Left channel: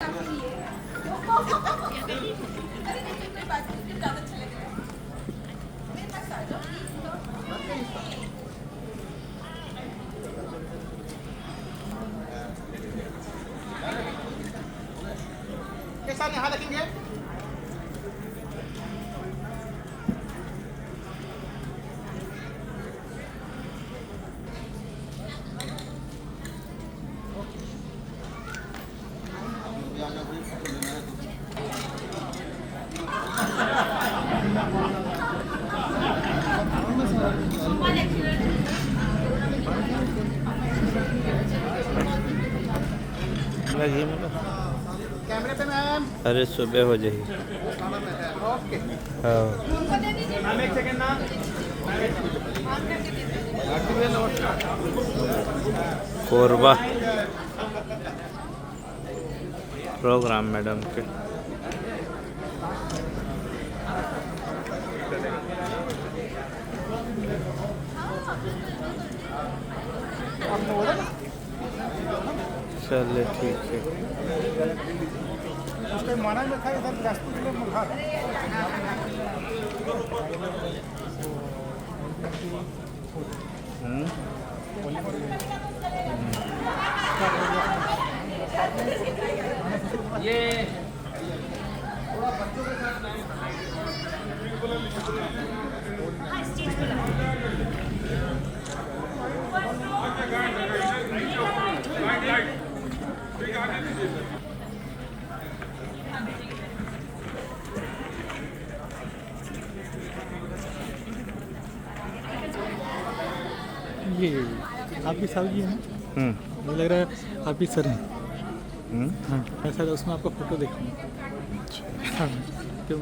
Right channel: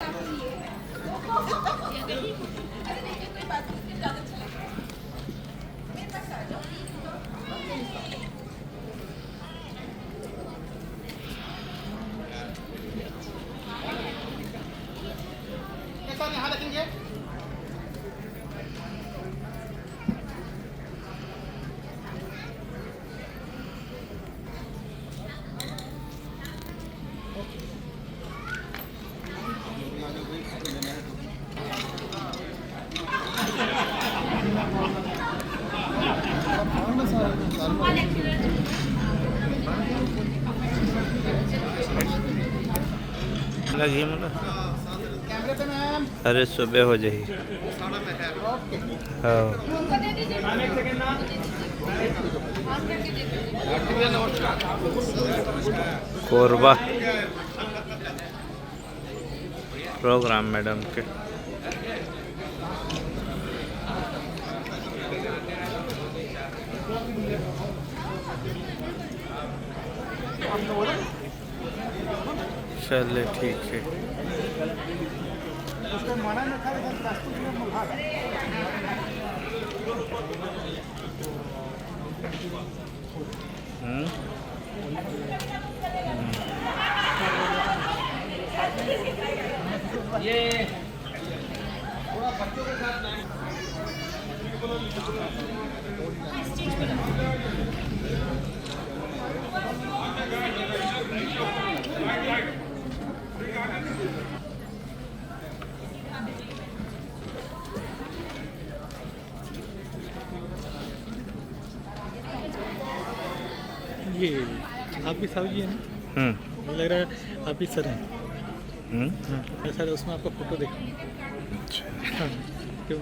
अरे नहीं कोई बात नहीं, ज़्यादा अच्छा लगेगा। मेरे पास आ जाओ प्लीज। कैसा यहाँ देखेंगे? लगी मतलब कैमरे पे मैम। अरे सुबह हो जाएगी। हाँ कोरबा प्रोग्राम मैडम के चले ठीक है। ये आप भी सर जी हैं? मुझे लग रहा है आप भी सर हैं। हाँ सर, उसमें आपका फोटो देखिए। तो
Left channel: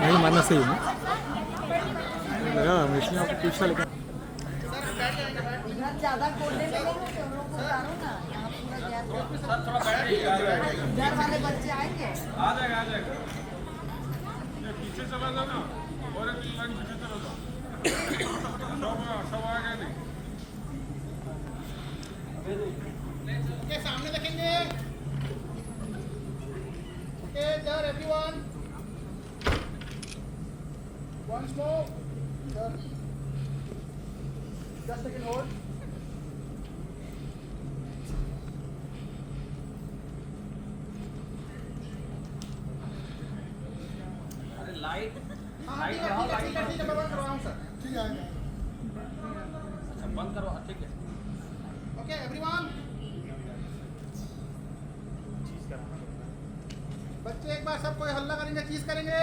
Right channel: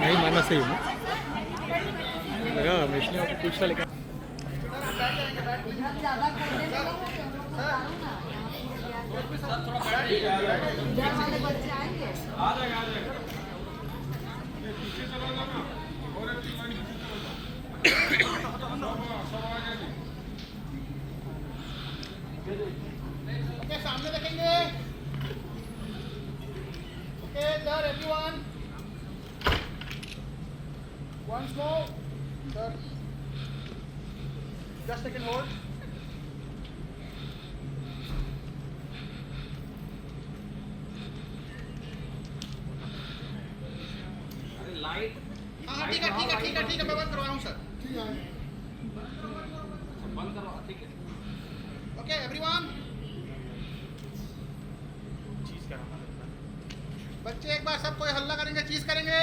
नहीं मानना सही है लगा, इसलिए आपको पूछा। लेकिन सामने देखेंगे। Okay sir, everyone once more sir, just take a hold. हाँ ठीक है ठीक है ठीक है ठीक है, मैं बंद करवा रहा हूँ सर। ठीक है बंद करवा, ठीक है। ओके एवरीवन, बच्चे एक बार सब कोई हल्ला करेंगे, चीज करेंगे।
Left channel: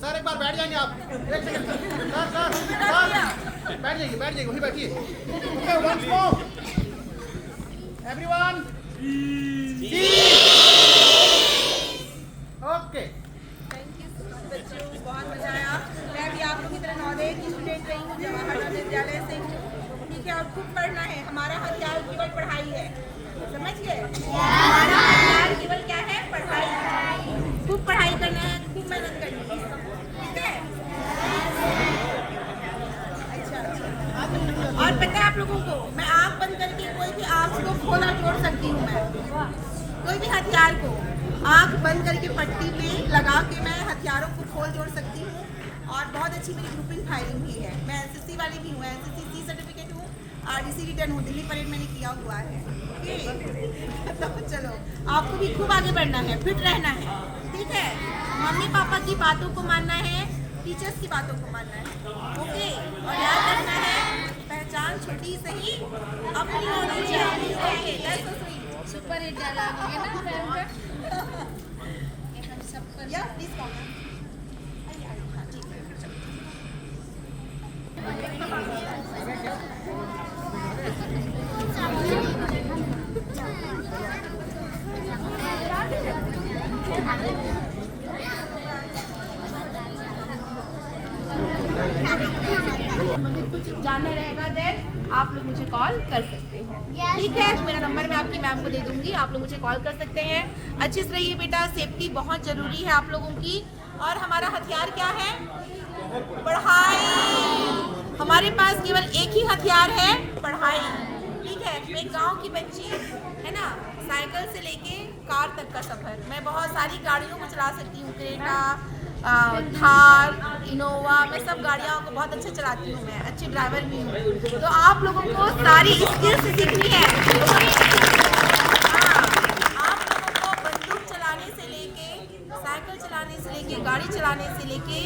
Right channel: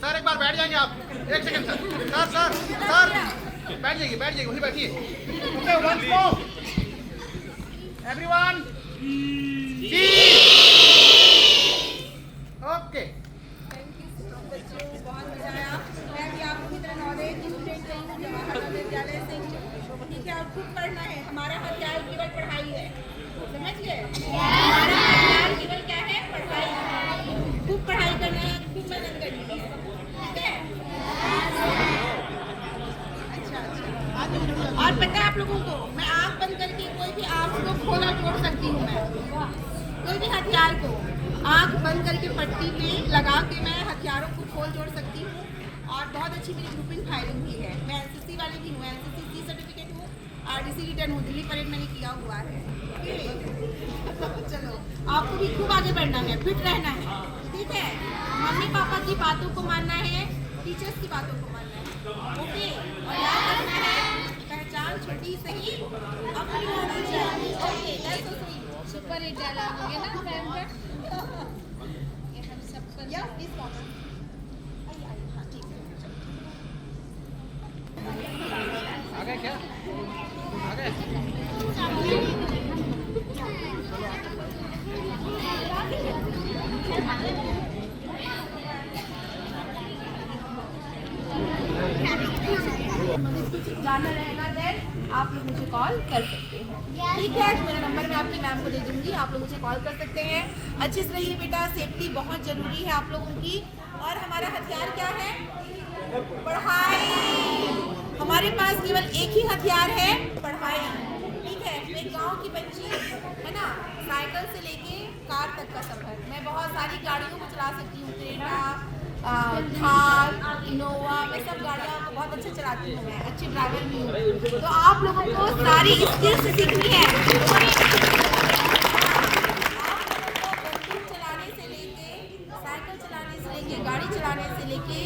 सर एक बार बैठ जाएंगे आप, एक second sir. Sir sir sir बैठ जाइए वहीं बैठिए। Okay once more everyone, okay. Thank you so much बच्चों, बहुत मजा आया। मैं भी आप लोगों की तरह नवोदय की स्टूडेंट रही हूँ, जवाहर विद्यालय से हूँ। ठीक है, और खूब पढ़ना है। हमारा हथियार केवल पढ़ाई है, समझ गए? हमारा हथियार केवल क्या है? पढ़ाई। खूब पढ़ाई करना है, खूब मेहनत करनी है, ठीक है? अच्छा। और पता है आप लोगों को, मैं आँख बंद करके कोई भी आँख को खोला जोड़ सकती हूँ। मैं कोई भी हथियार को आँख बंद करके पट्टी पे लगा के मैं हथियारों को खोल जोड़ सकती हूँ। और बहुत अच्छी मेरी ग्रुपिंग फायरिंग भी है। मैं एसएससी वाली भी हूँ, एसएससी सी सर्टिफिकेट हूँ, आरडीसी रिटर्न हूँ, दिल्ली परेड मैंने किया हुआ है। तो चलो, आपको भी खूब आगे बढ़ना है, फिट रहना है, ठीक है? मम्मी पापा की बातों को मानना है, टीचर्स की बातों को मानना है, ओके? और याद रखना है, पहचान छोटी सही अपनी होनी चाहिए, okay? That's so sweet. Super hit dialogue है ना मैम का, ये हम सब पर। या प्लीज कॉल। हाँ ठीक है। जाना रहेगा देन आप लोग मुझे कॉल कर सकते हैं, ठीक है? मेरा नंबर मैं आपकी मैम को दे दूंगी, आप लोग मुझे कॉल कर सकते हैं। अच्छे से रहिए बेटा, सेफ्टी बहुत जरूरी है आप लोगों की। और हमारा हथियार क्या है? पढ़ाई। हमारे पास केवल एक ही हथियार है, पढ़ाई, ठीक है? मैं गांव की बच्ची है ना, साइकिल से लेके कार तक का सफर। मैं बहुत सारी गाड़ियों को चला सकती हूँ, क्रेटा, थार, इनोवा, मैं सब गाड़ियों को बहुत अच्छा चलाती हूँ, मैं अच्छी ड्राइवर भी हूँ। तो आप लोगों को सारी स्किल्स सीखनी है। हाँ, आप लोगों को बंदूक चलाने से लेके, साइकिल चलाने से लेके, गाड़ी चलाने से लेके,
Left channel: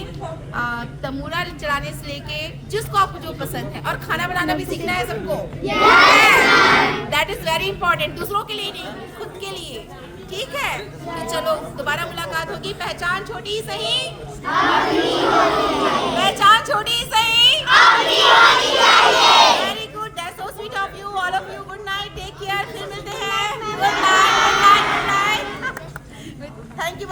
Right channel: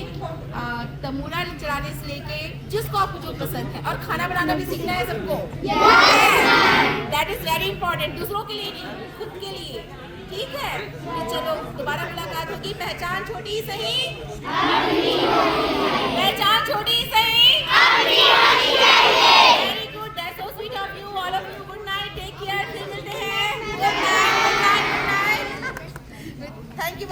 तमूरा चलाने से लेके, जिसको आपको जो पसंद है। और खाना बनाना भी सीखना है सबको। दैट इज वेरी इंपॉर्टेंट, दूसरों के लिए नहीं, खुद के लिए। ठीक है, तो चलो दोबारा मुलाकात होगी। पहचान छोटी सही